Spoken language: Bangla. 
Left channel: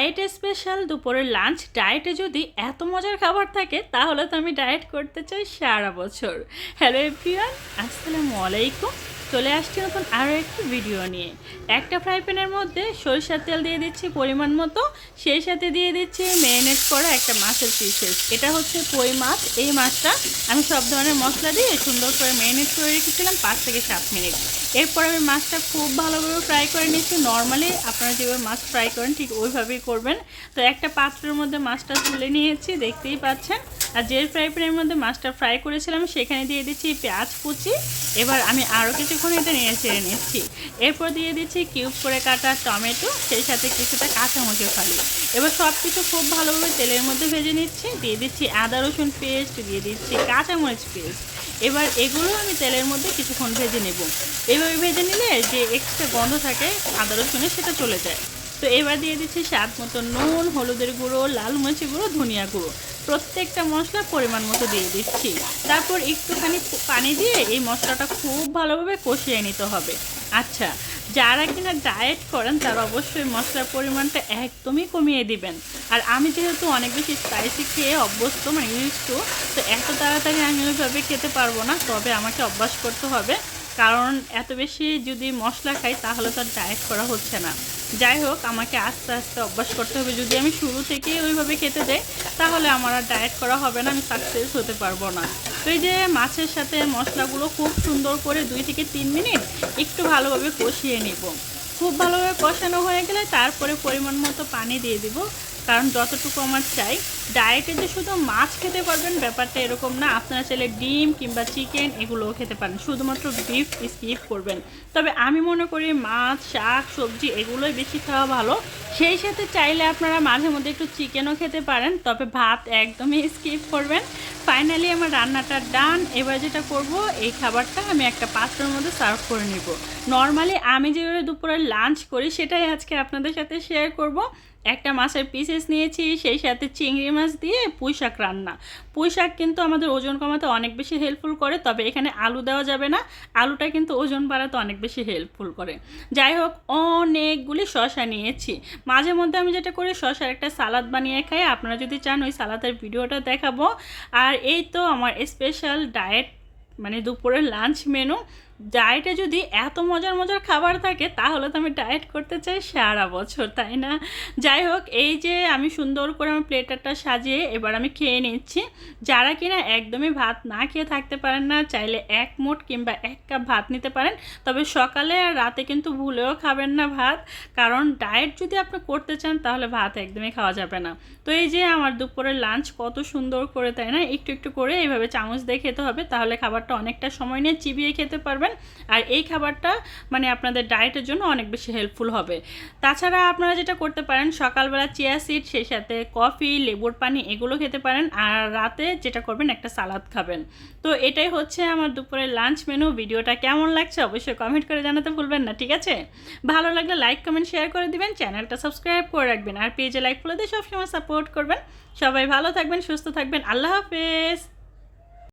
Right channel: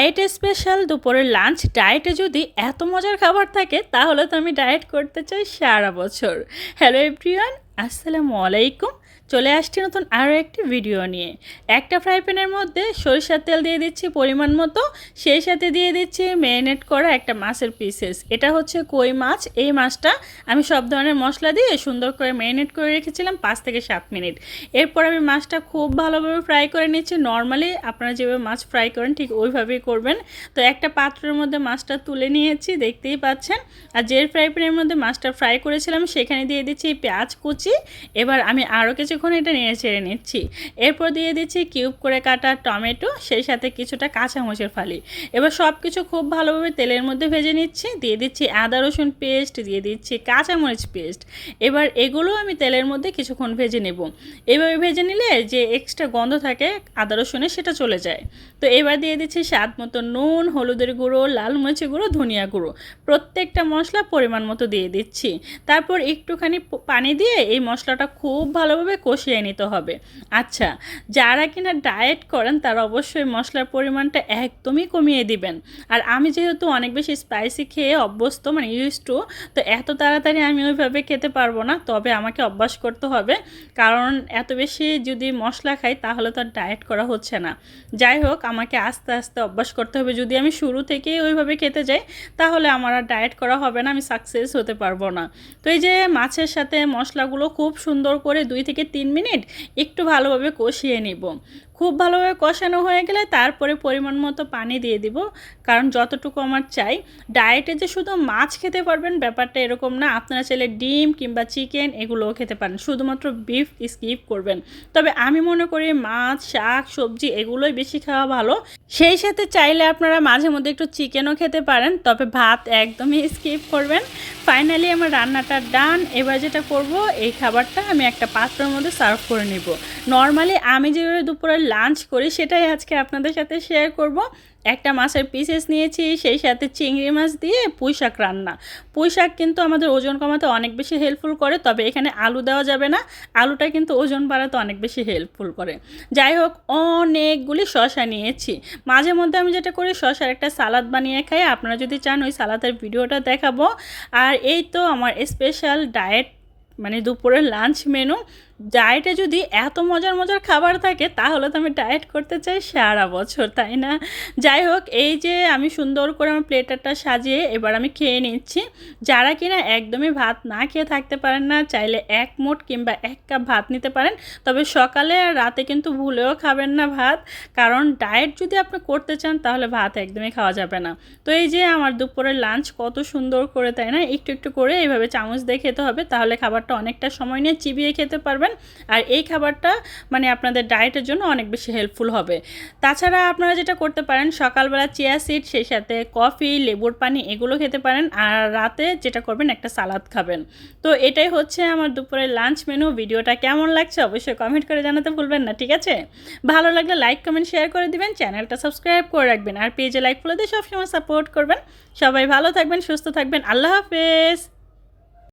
ডায়েট স্পেশাল দুপুরের লাঞ্চ ডায়েটে যদি এত মজার খাবার থাকে, তাহলে তো আমি ডায়েট করতে চাই সারা বছর। হ্যালো এভরিওয়ান আসসালামু আলাইকুম। চলে আসছি নতুন আরও একটি ভিডিও নিয়ে। একটা ফ্রাই প্যানের মধ্যে সরিষার তেল দিয়ে দিচ্ছি পরিমাণ মতো। সেই সাথে দিয়ে দিচ্ছি ম্যারিনেট করা একটা মাছের পিসেস এটা হচ্ছে কই মাছ। এই মাছটা আমি সব ধরনের মশলা দিয়ে সুন্দর করে ম্যারিনেট করে রেখেছিলাম পাঁচ থেকে সাত মিনিট। এরপর আমি মাছটা খুব ভালোভাবে ফ্রাই করে নিচ্ছি নর্মালি আপনারা যেভাবে মাছ ফ্রাই করেন, ঠিক ওইভাবেই করবেন। তো একটা পাত্রের মধ্যে মাছটা তুলে নিয়েছি, দেখতেই পাচ্ছেন। আর যে ফ্রাই প্যানের মধ্যে মাছটা ফ্রাই করেছিলাম, সেখানে দিয়ে দিচ্ছি পেঁয়াজ কুচি। এবার আমি আরও কিছুক্ষণ এটা নিয়ে ছেড়ে নিচ্ছি। এরপর দিয়ে দিচ্ছি কিউব করে কাটা টমেটো, সেই সাথে কিছুটা কাঁচামরিচ ফালি। এবার সব কিছু খুব ভালোভাবে তেলের মধ্যে ভেজে নিচ্ছি। দিয়ে দিচ্ছি আদা, রসুন পেস্ট দিয়ে দিচ্ছি কাঁচামরিচ পেস্ট এবার এগুলো আমি তেলের মধ্যে কিছুক্ষণ ভেজে নেব। এভাবে ভেজে নিলে যে এক্সট্রা গন্ধ থাকে আদা রসুনে সেটা চলে যায়। তো এবার দিয়ে দিচ্ছি স্বাদ মতো নুন, হলুদের গুঁড়ো, লাল মরিচের গুঁড়ো, ধনিয়া গুঁড়ো। প্রত্যেকটা মশলা পরিমাণ মতো দিয়ে দিচ্ছি। তারপর একটুখানি পানি দিয়ে এই মশলাটা খুব ভালোভাবে কষিয়ে নিতে হবে। আচ্ছা যারা কিনা ডায়েট করেন তারা অবশ্যই মশলার পরিমাণটা একদমই কমিয়ে দিবেন। আর আমি যেহেতু অনেক বেশি স্পাইসি খেয়ে অভ্যস্ত মানে ইউজ টু তো এত তাড়াতাড়ি আমি ওইভাবে খেতে পারব না, তবে আমাকে অভ্যাস করতে হবে। কারণ এত বেশি যদি মশলা খাই, তাহলে তো আর ডায়েট করা হচ্ছে না। যাই হোক, আমাকে আস্তে আস্তে অভ্যাস করতে হবে। যদি আমি শুরু থেকেই ওইভাবে খেতে যাই, তাহলে আমার আর ডায়েট করা হবে না, আমি সাকসেস হতে পারব না। তো এই যে মাছের সাথে মশলাগুলো খুব সুন্দর করে দুই থেকে তিন মিনিট একটু ভালোভাবে কষিয়ে নিব। খুব ভালোভাবে কষানো হয়ে গেলে তারপরে পরিমাণ মতো পানি দিয়ে দিব। কারণ যতটুকু আমার চাই ডায়েটে যে শুধু মাছ খেতে পারবেন ব্যাপারটা এরকম না, আপনারা চাইলে ডিম কিংবা চিকেন এগুলোও খেতে পারেন, শুধুমাত্র বিফ স্কিপ করবেন। তবে আমি মনে করি মাছ, শাক, সবজি এগুলোই বেশি খাওয়া ভালো। সেই সাথে চাইলে আপনারা মাঝে মধ্যে একটু চিকেনও খেতে পারেন, তবে ভাত একদমই স্কিপ করবেন। ফাইনালি আমার রান্নাটা ডান এবার যেটা করব, এই খাবারটা আমি একটা পাত্রের মধ্যে সার্ভ করে নিব। নর্মালি আমি যেভাবে দুপুরে লাঞ্চ করি, সেটাই আজকে আপনাদের সাথে শেয়ার করব। একটা মাছের পিসেস নিয়েছি, সেই সাথে চিংড়ি মাছ দিয়ে পুঁই শাক রান্না। পুঁই শাক কিন্তু আমাদের ওজন কমাতে অনেক বেশি হেল্পফুল করে, তবে এখানে আলু দেওয়া যাবে না। আলুটা কিন্তু ওজন বাড়াতে অনেক বেশি হেল্পফুল করে। যাই হোক, অনেকগুলি শশা নিয়েছি। মাঝে মধ্যে আমি যেটা করি শশার একটা সালাদ বানিয়ে খাই। আপনারা যদি চান, ওই সালাদের ভিডিওটা দেখাবো। আর এই তো আমার স্পেশাল ডায়েট মানে দুপুরের লাঞ্চ মেনু ডায়েটে যদি এত মজার মজার খাবার থাকে, তাহলে তো আমি ডায়েট করতে চাই সারা বছর, তাই না? যাই হোক, এই যে আমি সুন্দর করে আমার প্লেটারটা সাজিয়ে এবার আমি খেয়ে নিচ্ছি। যারা কিনা একদমই ভাত না খেয়ে থাকতে পারেন না, চাইলে এক মোট কিংবা এক কাপ ভাত নিতে পারেন। তবে সকালে আর রাতে কিন্তু ভুলেও খাবেন না ভাত। কারণ ডায়েট যদি আপনি করতে চান, তাহলে ভাত একদমই খাওয়া যাবে না। তো এই যে আমার দুপুরের লাঞ্চ কত সুন্দর করে, তাই না? একটু একটু করে এইভাবে চামচ দিয়ে খেতে হবে, তাহলে খাবারটা অনেকটা সময় নিয়ে চিবিয়ে খেতে পারবেন। আর এই খাবারটা মানে আপনাদের ডায়েটের জন্য অনেক বেশি হেল্পফুল হবে। তাছাড়া আপনারা যেটা করতে পারেন, সকালবেলা চিয়া সিড সেই সাথে কফি লেবুর পানি, এগুলো খেতে পারেন। আর রাতে যেটা করবেন, একটা সালাদ খাবেন। তো এটাই হচ্ছে আমার দুপুরের লাঞ্চ মেনু ভিডিওটা কেমন লাগছে অবশ্যই কমেন্ট করে জানাতে ভুলবেন না, ঠিক আছে? ভালো লাগলে লাইক কমেন্ট শেয়ার করে দিবেন। চ্যানেলটা সাবস্ক্রাইব করে রাখবেন। আর পেজে লাইক ফলো সবসময় সাপোর্ট করবেন। সবাই ভালো থাকবেন, সুস্থ থাকবেন। আল্লাহ হাফেজ।